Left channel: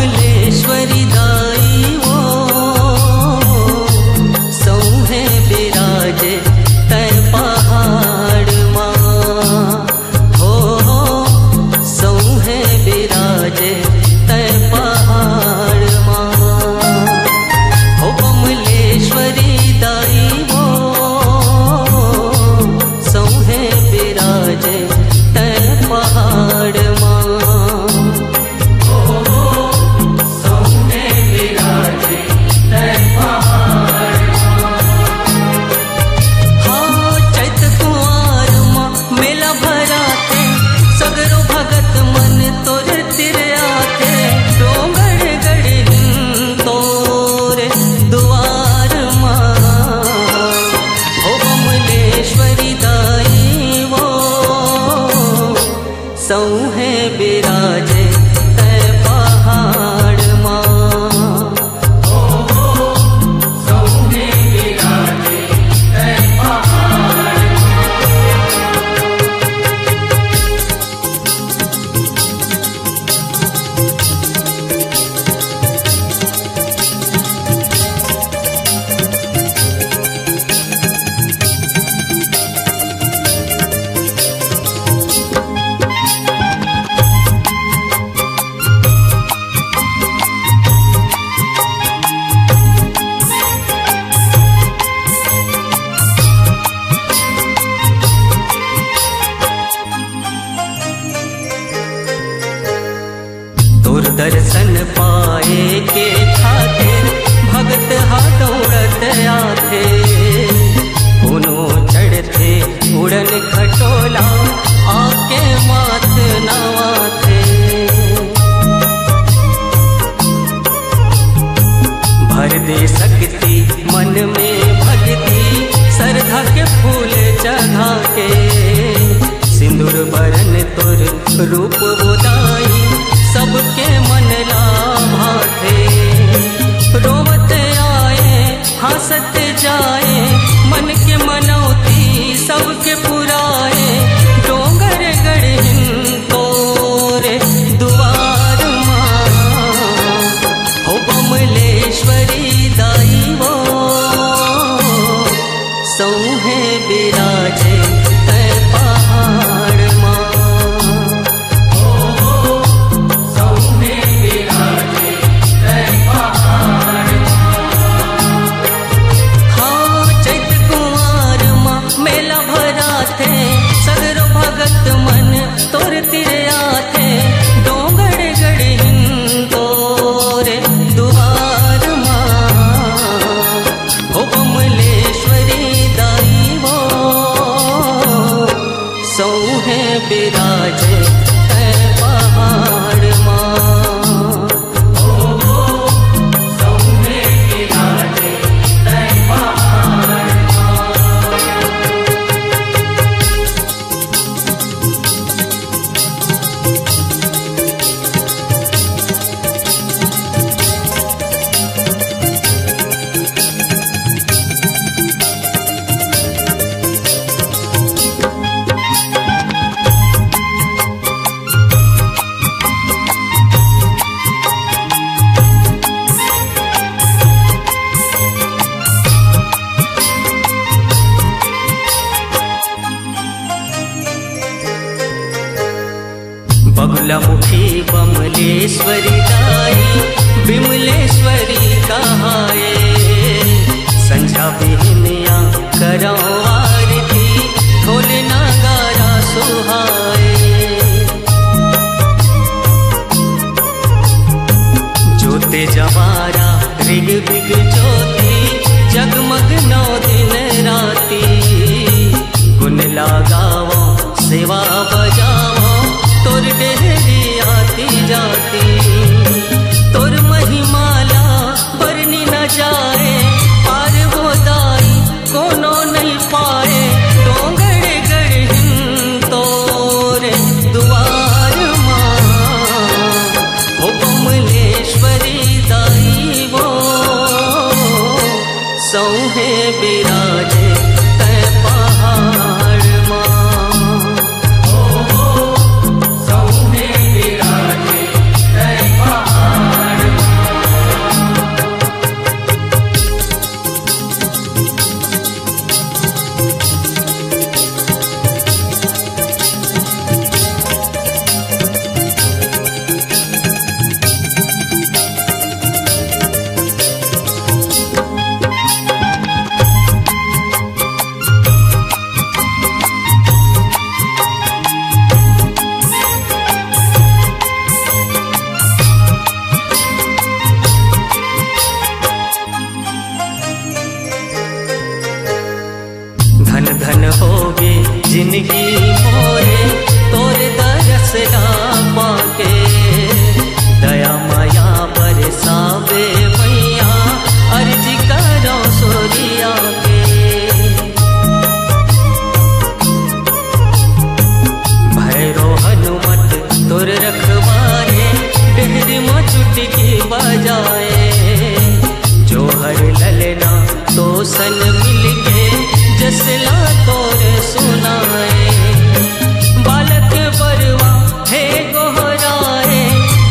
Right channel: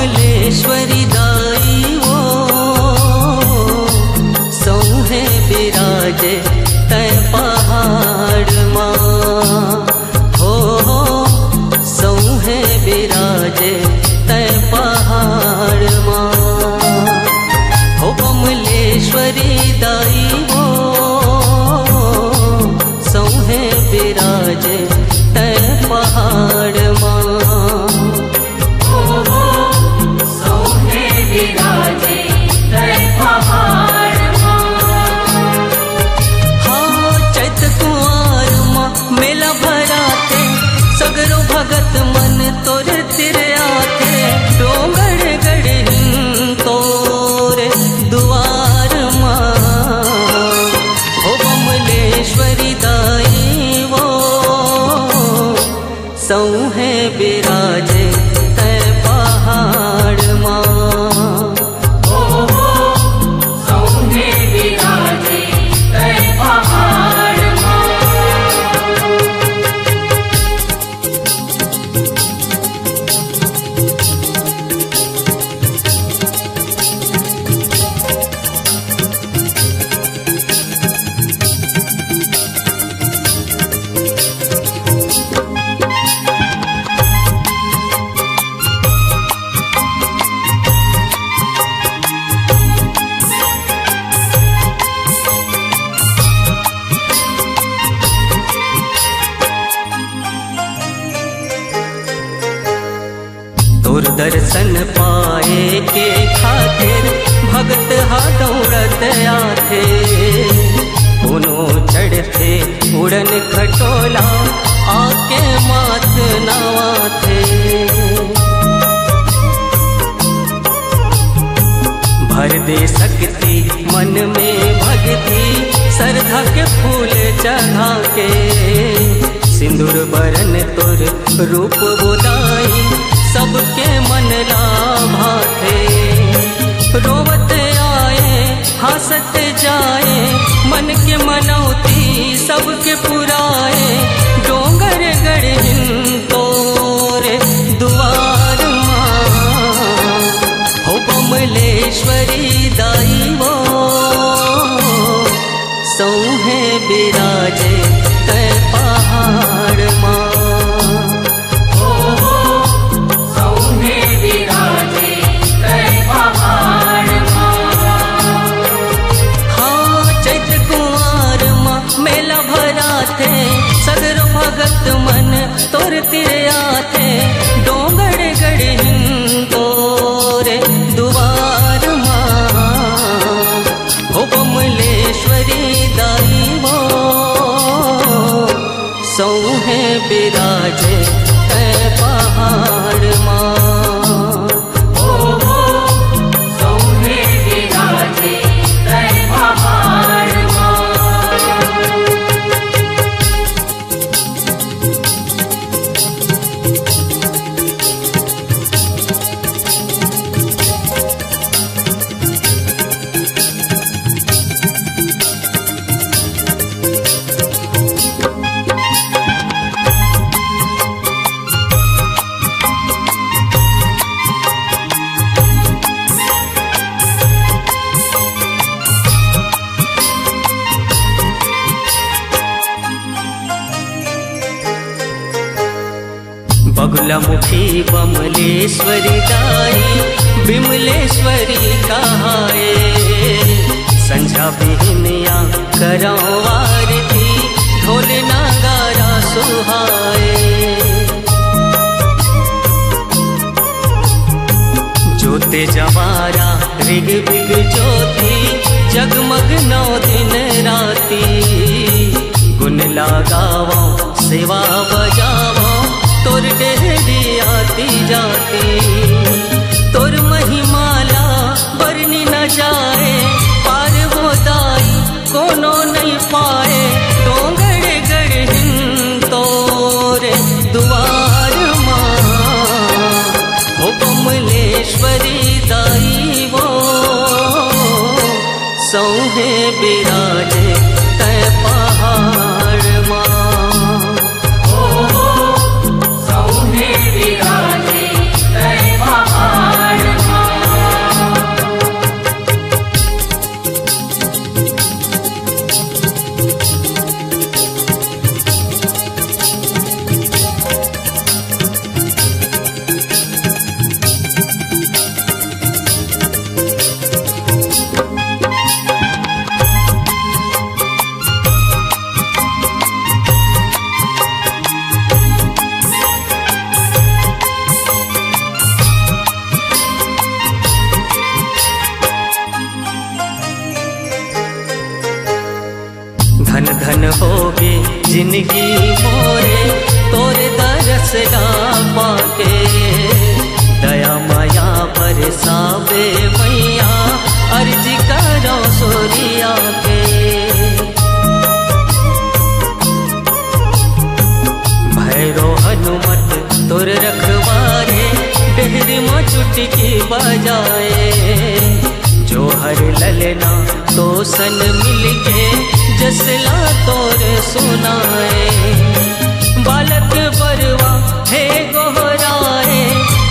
बमलेश्वरी दाई वो सौहे बिराजे तय पहाड़ माँ हो सौहे बिराजे तय पहाड़ माँ हो बमलेश्वरी दाई वो सौहे बिराजे तय पहाड़ माँ मेला भरा थे सगरो भगत मन तोर तिरया थे डोंगर गढ़ तोरे दुआर माँ हो बमलेश्वरी दाई वो सौहे बिराजे तय पहाड़ माँ तोर दर्शन पाए के खातिर भगत हा दौड़त आथे कोनो चढ़ते उड़न खटोला आके मात नवा थे भर दे सकती मन में भक्ति श्रद्धा के फूल चढ़ा के सिंदूर बरन तोर रूप बुदाई सबके मन लाभा थे रोवत आए हंसत जाए मन के मनौती सबके पुराए डोंगर गढ़ तोरे दुआर माँ हो बमलेश्वरी दाई वो सौहे बिराजे तय पहाड़ माँ मेला भरा थे सगरो भगत मन तोर तिरया थे डोंगर गढ़ तोरे दुआर माँ हो बमलेश्वरी दाई वो सौहे बिराजे तय पहाड़ माँ बगुलामुखी बमलेश्वरी दाई बिमलेश्वरी कहाए संझा बिहनिया करौ आरती ढोल नगारा सुहाए जोते जवारा रिग बिग ज्योति जगमग 9 दिन राती गुन लगावो सेवा बजावो तोर डेहरी आती जाती तोर महिमाला बरनी न जाए पार वो दाई कोनो नहीं पाए डोंगर गढ़ तोरे दुआर माँ हो बमलेश्वरी दाई वो सौहे बिराजे तय पहाड़ माँ सौहे बिराजे तय पहाड़ धन होगे जिंदगी मोरे तोरे दरस पाके। दया माया बरसावे मैया अर्ज करो सूर्या के। भैरो हनुमत तुर रखवारे डेहरी में चुटकी बजाए। जो हर ललना तो सन मिलके जसला तोर सुनाए। बालक बरवा है गोहराए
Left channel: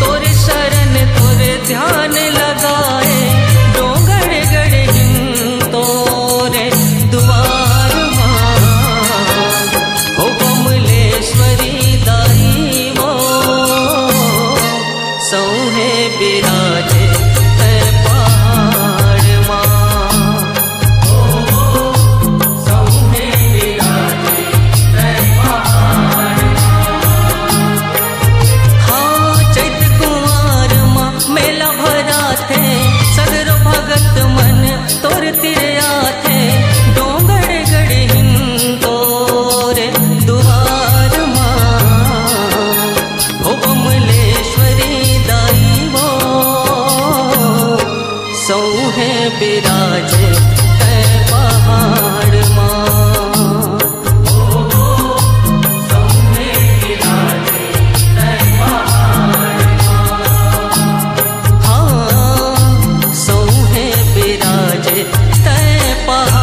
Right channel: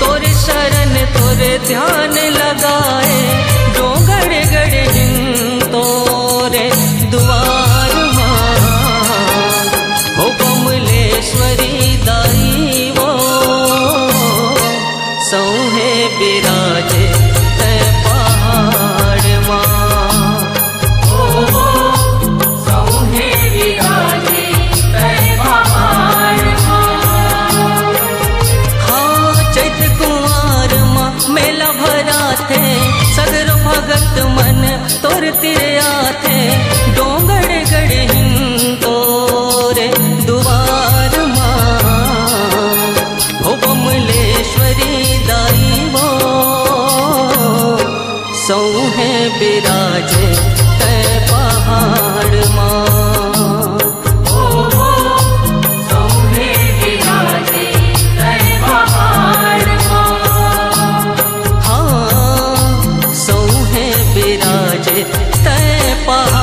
तोर शरण तोर ध्यान लगाए। डोंगर गढ़ तोरे द्वार हो बमलेश्वरी दाई वो सौहे बिराजे तै पहाड़ माँ। सौहे बिराजे तै पहाड़ माँ। हाँ चैत कुंवार माँ मेला भरा थे सगरो भगत मन तोर तिरया थे। डोंगर गढ़ तोरे दुआर माँ हो बमलेश्वरी दाई वो सौहे बिराजे तै पहाड़ माँ। सौहे बिराजे तै पहाड़ माँ। हाँ सौहे बिराजे तै पहाड़।